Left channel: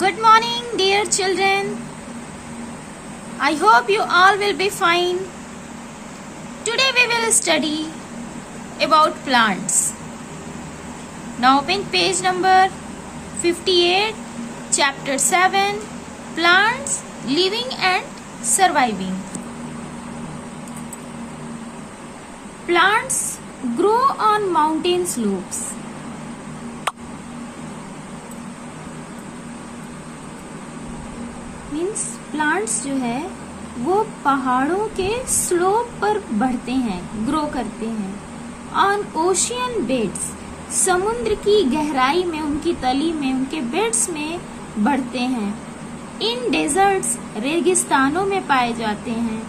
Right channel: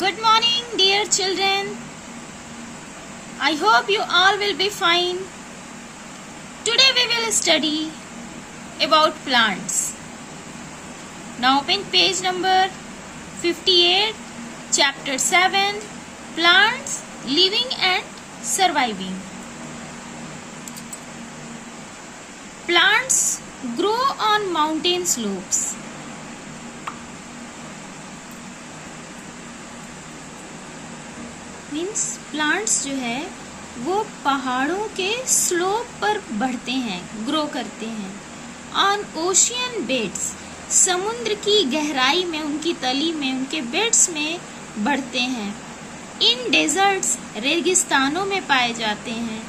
Good morning, dear children. I hope you all will be fine. Today we will study about plants. Now open page number 58, chapter 7, Plants Living and Surviving. Plants grow on mountain slopes. Means plants जो है वो पहाड़ों के slope पर बढ़ते हैं, grow करते हैं. ऑन ओशियन बेड्स, समुद्र की गहराई में, उनकी तली में, उनके बेड्स में बढ़ते हैं. इन डेजर्ट्स, रेगिस्तानों में पाए जाते हैं.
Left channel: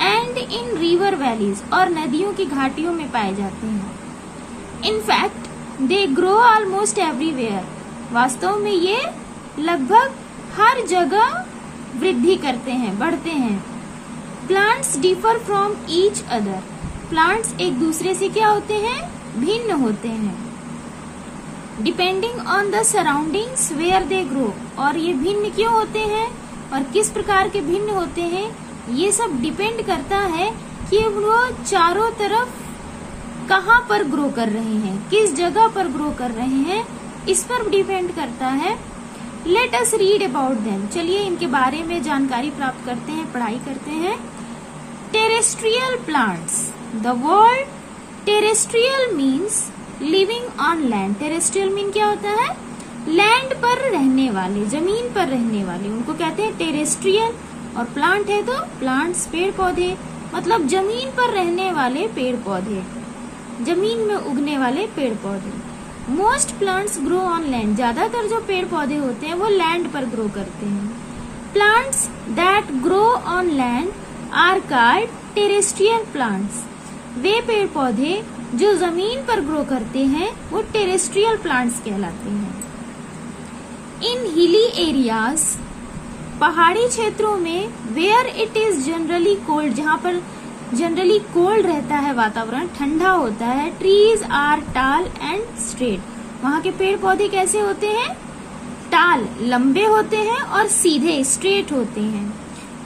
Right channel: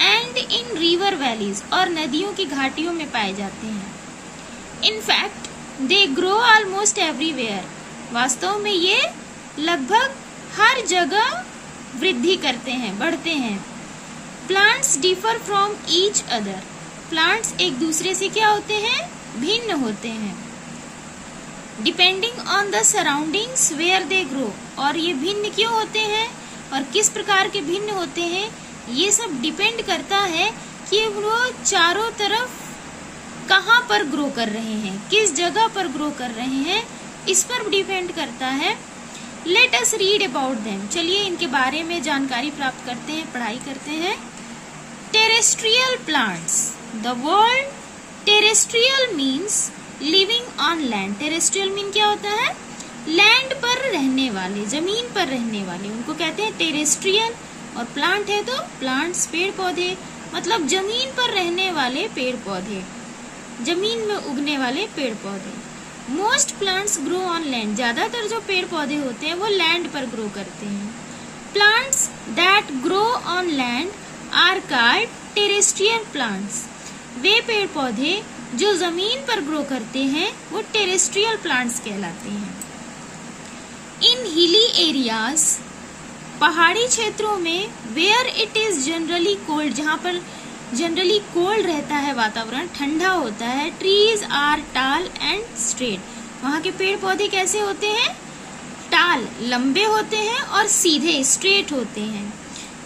एंड इन रिवर वैलीज, और नदियों की घाटियों में पाए जाते हैं. In fact they grow almost everywhere. वास्तव में ये लगभग हर जगह वृद्धि करते हैं, बढ़ते हैं. Plants differ from each other. Plants एक दूसरे से क्या होते हैं? भिन्न होते हैं. Depending on the surroundings where they grow. और ये भिन्न क्यों होते हैं और किस प्रकार के भिन्न होते हैं, ये सब डिपेंड करता है कि वो चारों तरफ कहाँ पर ग्रो कर रहे हैं, किस जगह पर ग्रो कर रहे हैं, इस पर डिपेंड करता है. Let us read about them. चलिए इनके बारे में जानकारी प्राप्त करते हैं, पढ़ाई करते हैं. Terrestrial plants. The word terrestrial means living on land. Terrestrial mean क्या होता है? लैंड पर रहने वाले, जमीन पर रहने वाले, उनको कहते हैं टेरेस्ट्रियल. और प्लांट है तो प्लांट्स, पेड़ पौधे, मतलब जमीन पर रहने वाले पेड़ पौधे, जमीन में उगने वाले पेड़ पौधे. Most plants grow on land. ज्यादातर जो पेड़ पौधे होते हैं वो लैंड पर ग्रो करते हैं. Plants that grow on land are called terrestrial plants. वे पेड़ पौधे जो जमीन पर ग्रो करते हैं वो टेरेस्ट्रियल प्लांट्स कहलाते हैं. इन हिली एरियाज, पहाड़ी क्षेत्रों में, where it is generally cold, जहाँ पर जनरली कोल्ड रहता है, वातावरण ठंडा होता है. ट्रीज आर टाल एंड स्ट्रेट. वहाँ के पेड़ पौधे कैसे होते हैं? टाल, लंबे होते हैं, और सीधे, स्ट्रेट होते हैं.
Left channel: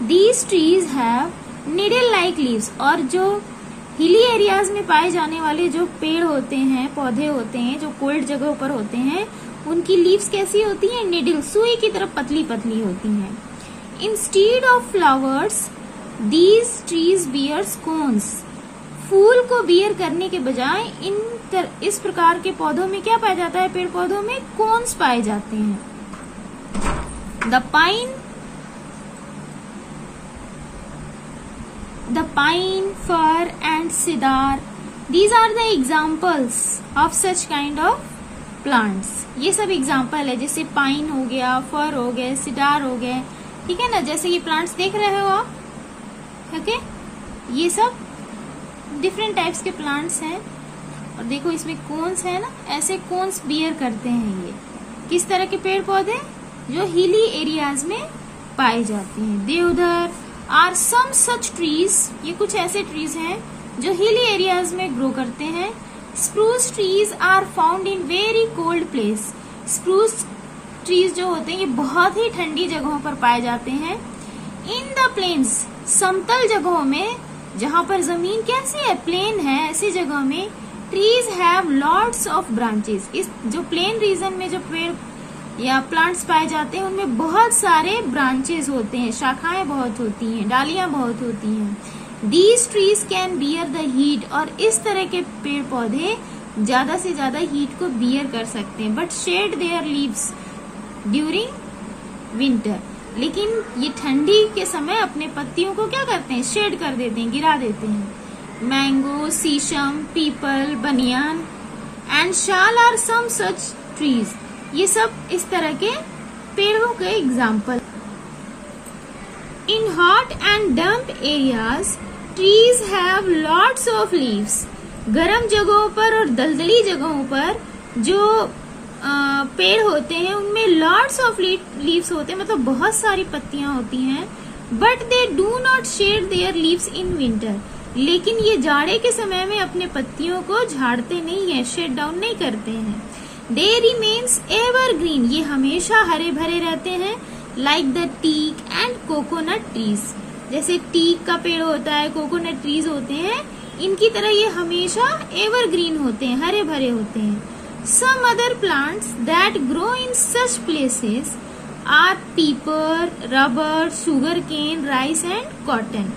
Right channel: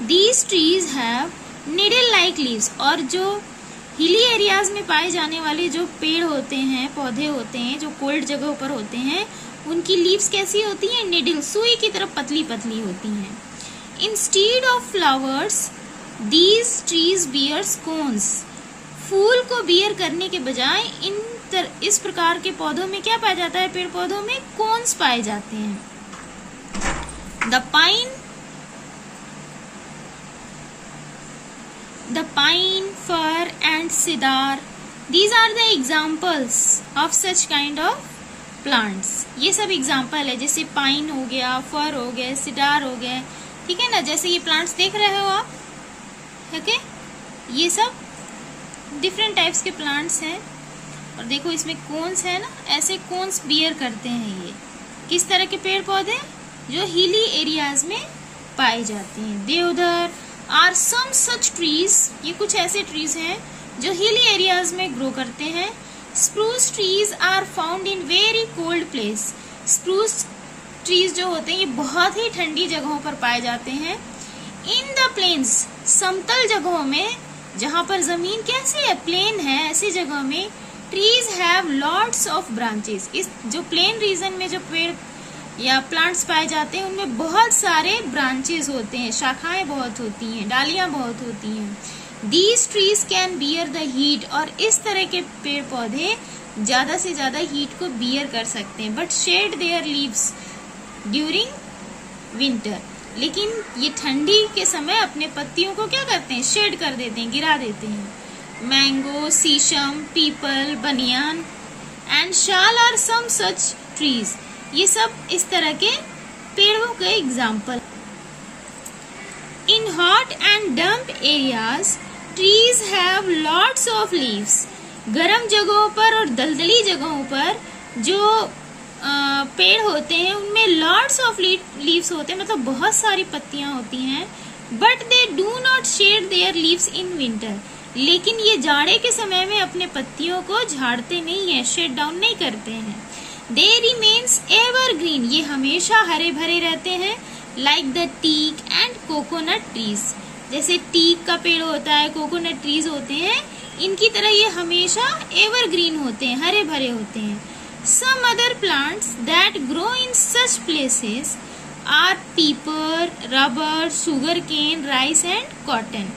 These trees have needle like leaves. और जो हिली एरियाज में पाए जाने वाले जो पेड़ होते हैं, पौधे होते हैं, जो कोल्ड जगहों पर होते हैं, उनकी लीव्स कैसी होती हैं? निडल, सुई की तरफ पतली पतली होती हैं. Instead of flowers These trees bears cones. फूल को बियर करने के बजाय इस प्रकार के पौधों में क्या पाया जाता है? पेड़ पौधों में कोन्स पाए जाते हैं. The pine, fir and cedar. These are the examples of such kind of plants. ये सब एग्जाम्पल है, जैसे पाइन हो गया, फर हो गए, सिडार हो गए, ठीक है ना. जैसे ये प्लांट्स देख रहे हो आप, ओके, ये सब डिफरेंट टाइप्स के प्लांट्स हैं. और देखो इसमें कोन्स है ना, ऐसे कोन्स बियर करते हैं. ये किस तरह के पेड़ पौधे? जो हिली एरियाज में पाए जाते हैं. देवदार आर सम सच ट्रीज. ये कुछ ऐसे ट्रीज हैं जो हिली एरियाज में ग्रो करते हैं. Spruce trees are found in very cold place. Spruce trees जो होते हैं ये बहुत ही ठंडी जगहों पर पाए जाते हैं. इन द प्लेन्स, समतल जगहों में, जहाँ पर जमीन कैसे है? प्लेन है, ऐसी जगह में trees have lots of branches. इस जो प्लेन रीजन में जो पेड़ या प्लांट्स पाए जाते हैं उनमें बहुत सारे ब्रांचेस होते हैं, शाखाएं बहुत होती हैं, डालियां बहुत होती हैं. These trees can bear the heat. और इस तरह के पेड़ पौधे ज्यादा से ज्यादा हीट को बियर कर सकते हैं. But shade there leaves during winter. लेकिन ये ठंडी के समय अपने पत्तियों को क्या करते हैं? शेड कर देते हैं, गिरा देते हैं. Mango, sheesham, peepal, banyan and sal are some such trees. ये सब इस तरह के पेड़ों के example. In hot and damp areas trees have lots of leaves. गर्म जगहों पर और दलदली जगहों पर जो पेड़ होते हैं उनमें लॉट्स ऑफ लीव्स होते हैं, मतलब बहुत सारी पत्तियां होती हैं. But they do not shade there leaves in winter. लेकिन ये जाड़े के समय में अपने पत्तियों को झाड़ते नहीं है, शेड डाउन नहीं करते हैं. दे रिमेन्स एवरग्रीन, ये हमेशा हरे भरे रहते हैं, like the teak and coconut trees, जैसे टीक का पेड़ होता है, कोकोनट ट्रीज होते हैं, इनकी तरह ये हमेशा एवरग्रीन होते हैं, हरे भरे होते हैं। Some other plants that grow in such places are pepper, rubber, sugarcane, rice and cotton.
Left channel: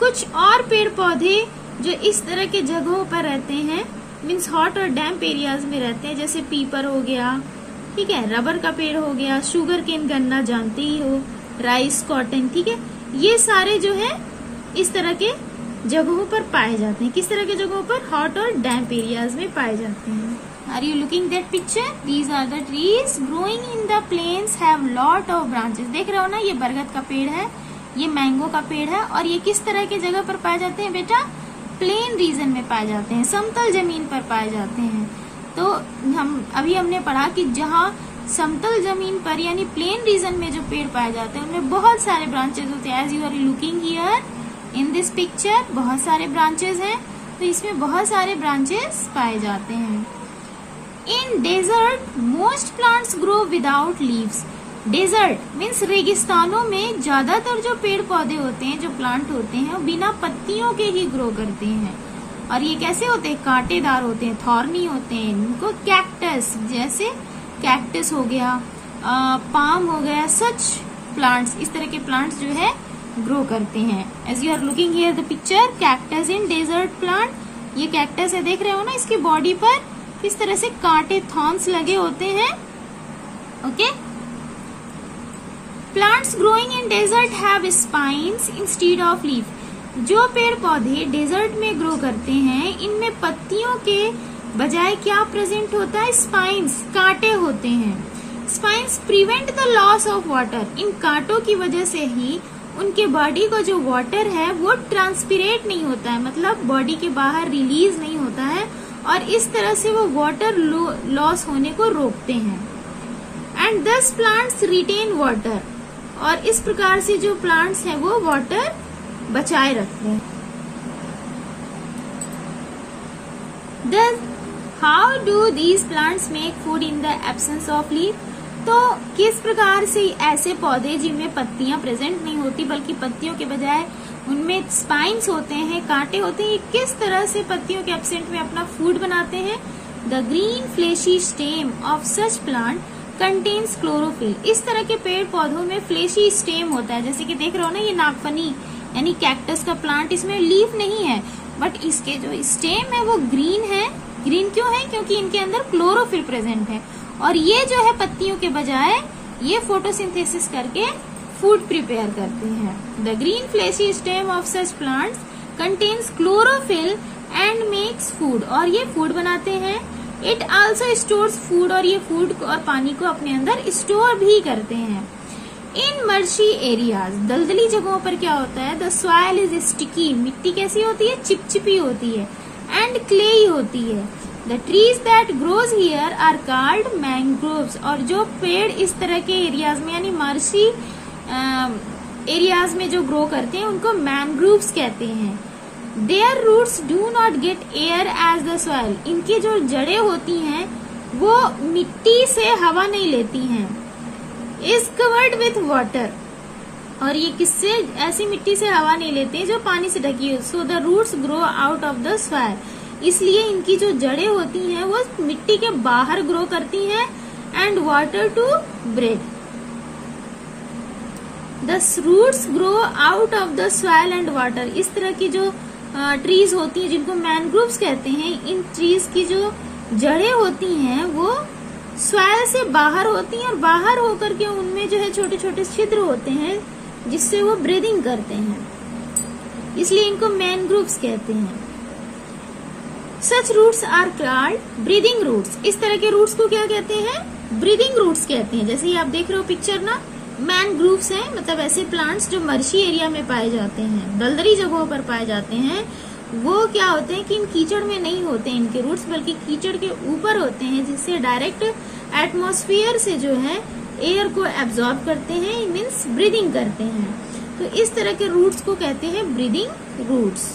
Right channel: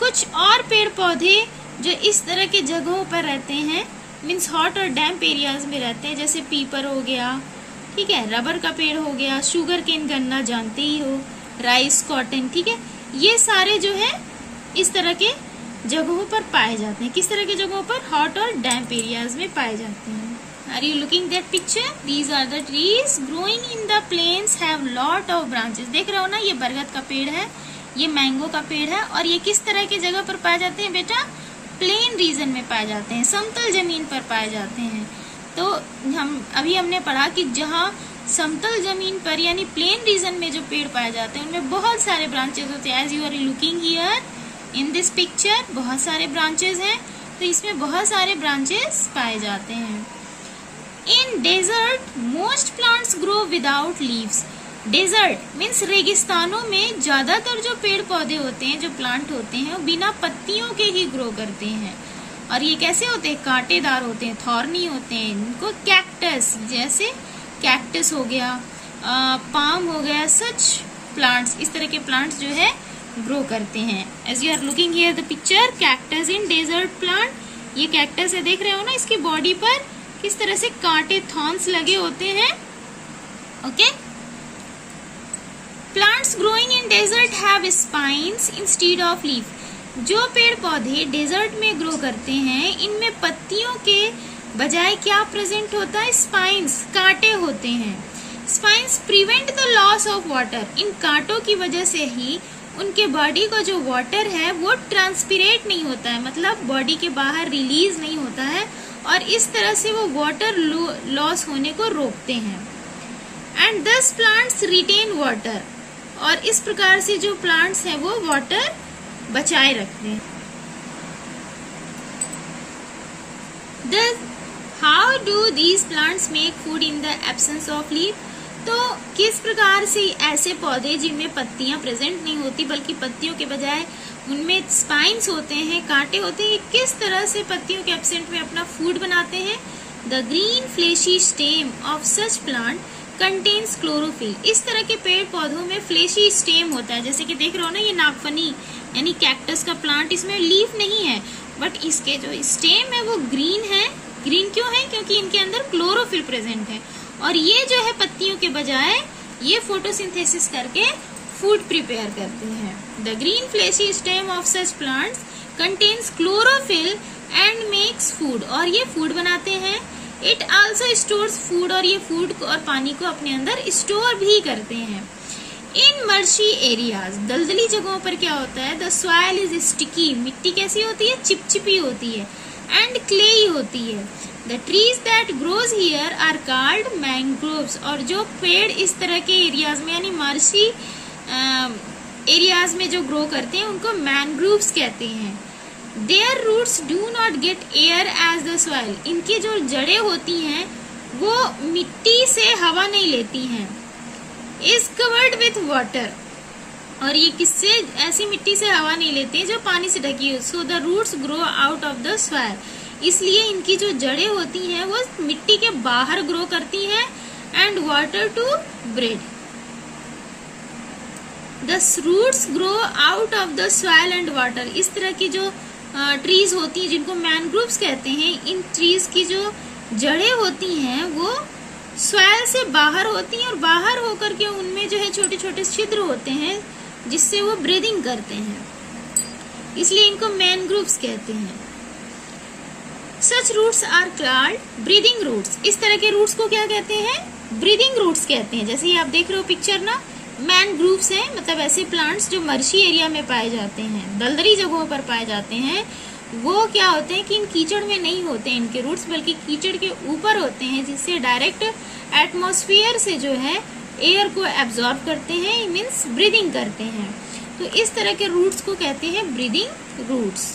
कुछ और पेड़ पौधे जो इस तरह के जगहों पर रहते हैं, मीन्स हॉट और डैम्प एरियाज में रहते हैं, जैसे पीपर हो गया, ठीक है, रबर का पेड़ हो गया, शुगर केन गन्ना जानते ही हो, राइस, कॉटन, ठीक है, ये सारे जो है इस तरह के जगहों पर पाए जाते हैं। किस तरह के जगहों पर? हॉट और डैम्प एरियाज में पाए जाते हैं। Are you looking that picture? These are the trees growing in the plains have lot of branches. देख रहे हो ना, ये बरगद का पेड़ है, ये मैंगो का पेड़ है, और ये किस तरह की जगह पर पाए जाते हैं बेटा? प्लेन रीजन में पाए जाते हैं, समतल जमीन पर पाए जाते हैं। तो हमने पढ़ा कि जहाँ समतल जमीन पर यानी प्लेन रीजन में जो पेड़ पाए जाते हैं उनमें बहुत सारे ब्रांचेस होते हैं। As you are looking here in this picture, बहुत सारे ब्रांचेस हैं, तो इसमें बहुत सारे ब्रांचेस पाए जाते हैं। In desert most plants grow without leaves. Desert means रेगिस्तानों में ज्यादातर जो पेड़ पौधे होते हैं, जो प्लांट होते हैं, वो बिना पत्तियों के ही ग्रो करते हैं। और ये कैसे होते हैं? कांटेदार होते हैं, थॉर्नी होते हैं। इनको कैक्टस, जैसे कैक्टस हो गया, पाम हो गया, सच प्लांट्स, इस तरह के प्लांट्स जो है ग्रो करते हैं। As you are looking here the picture, cactus in desert plant, ये कैक्टस है, देख रहे हो ना, इसकी बॉडी पर किस तरह से कांटे, थॉर्न्स लगे होते हैं। Okay, plants growing in desert have spines instead of leaf. जो पेड़ पौधे डेजर्ट में ग्रो करते हैं, इनमें पत्तियों के बजाय क्या प्रेजेंट होता है? स्पाइन्स, कांटे होते हैं। Spines prevent the loss of water. इन कांटों की वजह से ही उनके बॉडी का जो वाटर है वो ट्रांसपिरेट नहीं होता है, मतलब बॉडी के बाहर रिलीज नहीं होता है, और इस तरह से वो वाटर लॉस होने को रोकते हैं। एंड दस प्लांट्स रिटेन वाटर, और इस प्रकार से जो प्लांट्स हैं वो वाटर बचाए रखते हैं। How do these plants make food in the absence of leaf? तो किस प्रकार से ऐसे पौधे जिनमें पत्तियां प्रेजेंट नहीं होती, बल्कि पत्तियों के बजाय उनमें स्पाइन्स होते हैं, कांटे होते हैं, किस तरह से पत्तियों के एब्सेंट में अपना फूड बनाते हैं? The green fleshy stem of such plant contains chlorophyll. इस तरह के पेड़ पौधों में फ्लेशी स्टेम होता है, जैसे कि देख रहे हो ना, ये नागफनी यानी कैक्टस का प्लांट, इसमें लीफ नहीं है, बट इसके जो स्टेम है वो ग्रीन है। ग्रीन क्यों है? क्योंकि इनके अंदर क्लोरोफिल प्रेजेंट है, और ये जो है पत्तियों के बजाय ये फोटोसिंथेसिस करके फूड प्रिपेयर करते हैं। The green fleshy stem of such plants contains chlorophyll and makes food, और ये फूड बनाते हैं। इट आल्सो स्टोर्स फूड, और ये फूड और पानी को अपने अंदर स्टोर भी करते हैं। इन मर्शी एरियाज, दलदली जगहों पर क्या होता है? द सॉइल इज स्टिकी, मिट्टी कैसी होती है? चिपचिपी होती है, एंड क्लेई होती है। The trees that grows here are called mangroves, और जो पेड़ इस तरह के एरियाज में यानी मर्शी एरियाज में जो ग्रो करते हैं उनको मैंग्रोव्स कहते हैं। Their roots do not get air as the soil, इनकी जो जड़ें होती हैं वो मिट्टी से हवा नहीं लेती हैं। इज कवर्ड विथ वाटर, और ये किससे? ऐसी मिट्टी से हवा नहीं लेते हैं जो पानी से ढकी है। So the roots grow out of the soil, इसलिए इनकी जो जड़ें होती हैं वो मिट्टी के बाहर ग्रो करती हैं। And water to breathe, the roots grow out of the soil and water. इस तरह की जो ट्रीज होती हैं जिनको मैनग्रोव्स कहते हैं, इन ट्रीज की जो जड़ें होती हैं वो सॉइल से बाहर होती हैं, और बाहर होकर के उनमें जो है छोटे छोटे छिद्र होते हैं जिससे वो ब्रीदिंग करते हैं, इसलिए इनको मैनग्रोव्स कहते हैं। Such roots are called breathing roots, इस तरह के रूट्स को क्या कहते हैं? ब्रीदिंग रूट्स कहते हैं। जैसे ये आप देख रहे हो पिक्चर ना, मैनग्रोव्स हैं, मतलब ऐसे प्लांट्स जो मर्शी एरिया में पाए जाते हैं, दलदली जगहों पर पाए जाते हैं। वो क्या होते हैं कि इन कीचड़ में नहीं होते हैं इनके रूट्स, बल्कि कीचड़ के ऊपर होते हैं, जिससे डायरेक्ट एटमॉस्फेयर से जो है एयर को एब्जॉर्ब करते हैं, मीन्स ब्रीदिंग करते हैं। तो इस तरह के रूट्स को कहते हैं ब्रीदिंग रूट्स।